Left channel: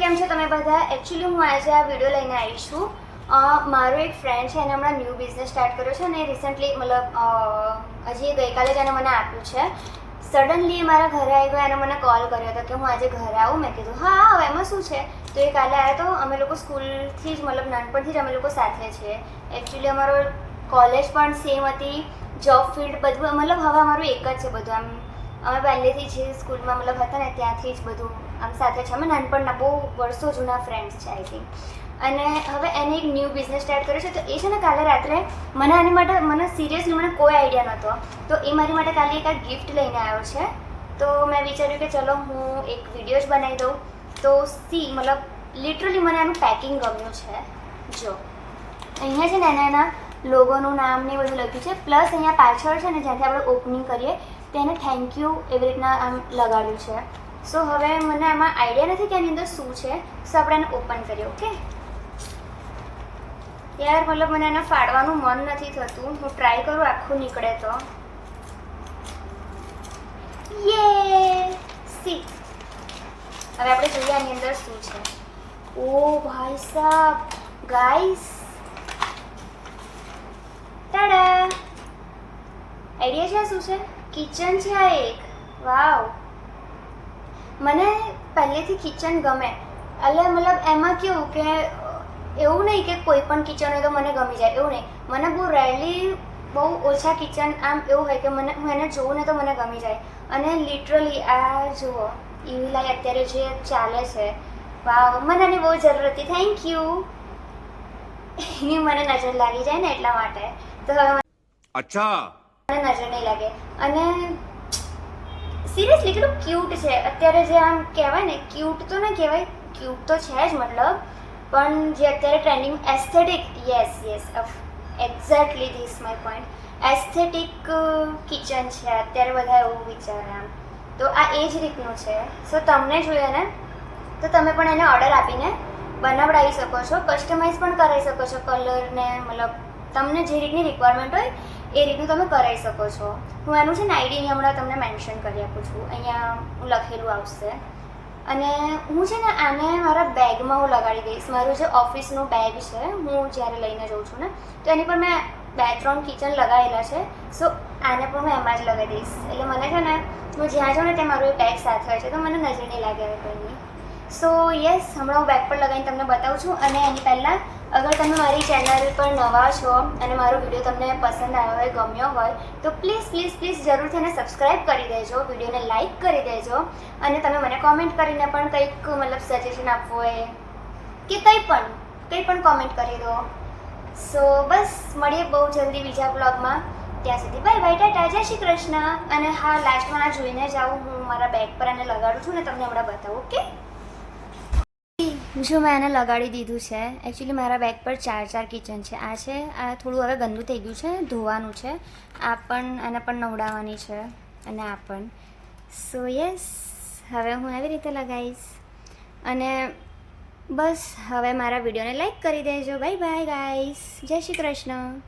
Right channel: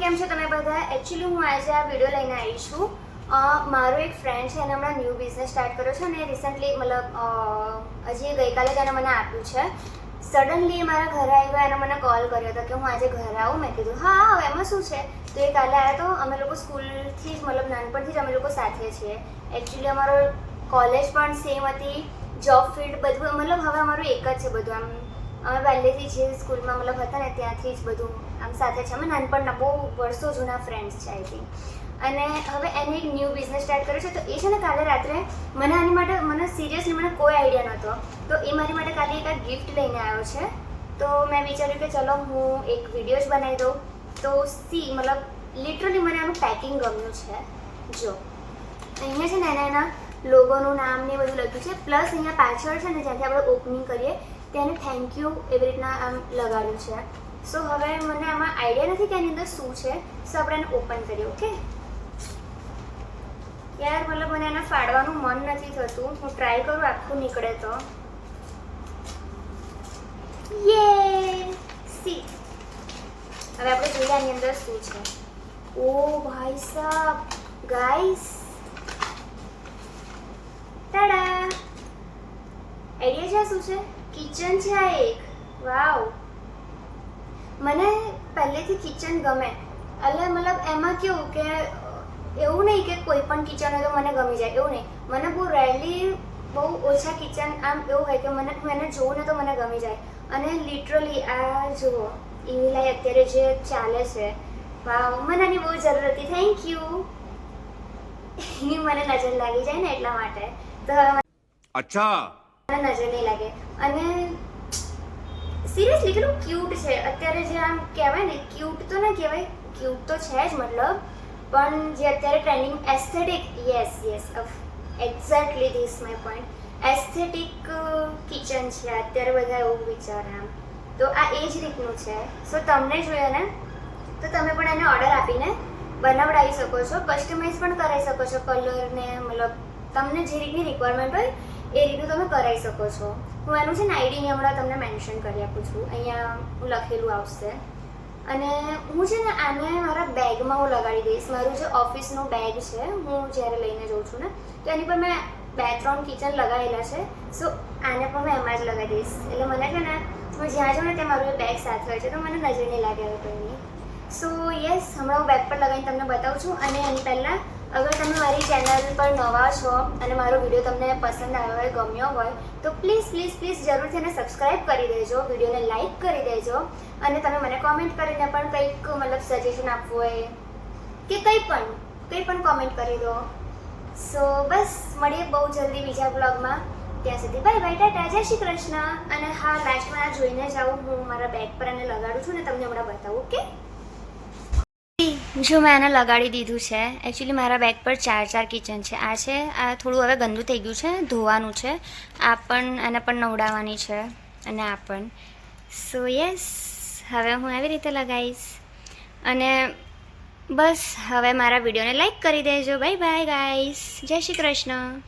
કેમ છો તમે બધા? એકચ્યુઅલી હું આજે આ વિડીયો લઈને આવી છું. મારો એક ફ્રેન્ડ છે, એને હમણાં ન્યૂ બિઝનેસ સ્ટાર્ટ કર્યો છે અને રિસન્ટલી હજી ગઈકાલે જ એને મને આપ્યું છે. સડનલી મારા ઘરે આવ્યો, એને મને કોલ કર્યો હતો કે હું આજે ઘરે આવું. મેં કીધું હા આવ, એમાં શું છે. તો એ કાલે આવ્યો તો. અમે લોકો સ્કૂલથી જ નાનપણથી જ અમે લોકો સાથે છીએ. એકચ્યુઅલી અમારો કોલેજ પણ સેમ હતી, જોબ ફિલ્ડ બધું હવે અમારું એક જ છે બધું. અમે પહેલેથી જે સ્કૂલમાં હતા ને ત્યાંથી જ બધું આમ સાથે છે. અમે નાનપણના બહુ વર્ષો જૂના ફ્રેન્ડ્સ છે આઈ થિંક. અને હવે એને એક ન્યૂ બિઝનેસ સ્ટાર્ટ કર્યો છે. તો એ છે ને કાલે રાત્રે આની માટે મને સિરિયસલી મને કોઈ આઈડિયા નહોતો. તો એ મારી માટે કાલે એક ગિફ્ટ લઈને આવ્યો છે. તો મેં વિચાર્યું કે ચલો હું એક વિડીયો જ બનાવી દઉં. તો લિટરલી મને આનું પેકિંગ ગમ્યું છે. જો અહીંયા છે ને એના લોગોનું નામ ને બધું લખ્યું છે. પ્લસ અહીંયા પાછળ છે ને જ્યાંથી આપણે ઓપનિંગ કરીએ તેને થેન્ક યુ એવી રીતના આમ લગાડ્યું છે. સો હવે મને આમાં આઈડિયા નથી કે આની અંદર શું છે. સો આપણે એને ઓપન કરીએ. ઓકે યાર, મને એને ફાડવાનું મન નથી થતું. હું ટ્રાય કરું આખું નીકળે તો. યે સી, હવે આપણે જોઈએ આની અંદર શું છે. ઓ ભાઈ સાહેબ, ગાઈસ, ટાડા! આઈડિયા છે શું છે? કિચન છે આ એક. વાવ, મને પહેલેથી કિચન ગમે. એટલે એમાં કેવું કે એવું નહીં કે કોઈ પણ કિચન હોય તો મને ગમી જાય, એવું નહીં. મને બહુ રેરલી, બહુ ઓછા કિચન આમ એવું હોય કે હું એને જોઉં ને તો મને ગમી જાય. અને લિટરલી આ જુઓ, ઈવીલાઈ અત્યારે જે ચાલે છે, વાવ, મને આની બહુ જરૂર હતી. Thank you. મને નજર લાગી જાય ને એટલા માટે. તો હવે અચ્છા, મને નજર નહીં લાગે. અને સિરિયસલી કેટલું ક્યુટ છે અત્યારે. જે આમ કહેવાય ને, ક્યુટ તો ના કહેવાય, ક્યુટ તો છે જ પણ જે અત્યારે trending aesthetic, yes exactly this my point, aesthetic kitchen છે અત્યારે. બધા એવું વિચારે આમ. તો આ એ જ રીતનું છે. સો તમને જોઈએ ને તો તમે પણ એને ઓર્ડર આપીને બનાવડાવી શકો છો, કસ્ટમાઇઝ પણ કરાવી શકો છો. કલરને તમને જે રીતની રિક્વાયરમેન્ટ હોય એ રીતનું તમે કરાવી શકો છો. હું એનું છે ને આઈડી હમણાં તમને મેન્શન કરી આપું છું. અહીંયા હું લખેલું આવશે. અને હું છે ને આને મારા બેગમાં હું લગાડી દઈશ. મારું જે ઓફિસનું બેગ છે, હું જ્યારે લઈને જઉં છું ને તો એની પર મેં 2-3 કિચન લગાવેલા છે. સો આને પણ હું એમાં જ લગાવી દઈશ. એટલે મને છે ને હું જ્યાં જાઉં ને ત્યાં મારું બેગ સાથે હોય છે, તો મને નજર નહીં લાગે હવે કોઈની. સો યસ, હમણાં હું બેગ પર લગાવીને તમને બતાવું છું. અને એની પહેલાં, અગર તમે મારી ચેનલ પર નવા છો અને મારો વિડીયો તમને પસંદ આવ્યો હોય, ગમ્યો હોય, તો પ્લીઝ જરૂરથી એને સબસ્ક્રાઈબ કરી દેજો, વિડીયોને લાઇક કરી દેજો. અને તમે મને કોમેન્ટ કરીને પણ કંઈક સજેશન આપવું હોય કે કંઈ પણ કોમેન્ટ કરી દો. સો બસ, મળીએ બહુ જલ્દી બીજા બ્લોગમાં. ત્યાં સુધી બાય બાય, ટાટા, જય શ્રી કૃષ્ણ. અને હા, લાસ્ટમાં આ જોઈને જાઉં, હું મારા બેગ પર એને લગાડું છું ને તમને હમણાં બતાવું. ઓકે, જો મેં એને લગાડી દીધું છે. એકચ્યુઅલી મારા બેગ પર 4 કિચન છે. આ છે, આ થોડું હવે ગંદુ થઈ ગયું છે, ધોવાનું છે. આ પણ, એને પણ નવડાવવાની છે. અને આ પણ. સો યસ, હવે હું એવી રીતે લગાવીશ. અને બસ, હવે મારા વિડીયોને લાઈક કરી દેજો. બાય બાય ગાઈસ, જય શ્રી કૃષ્ણ.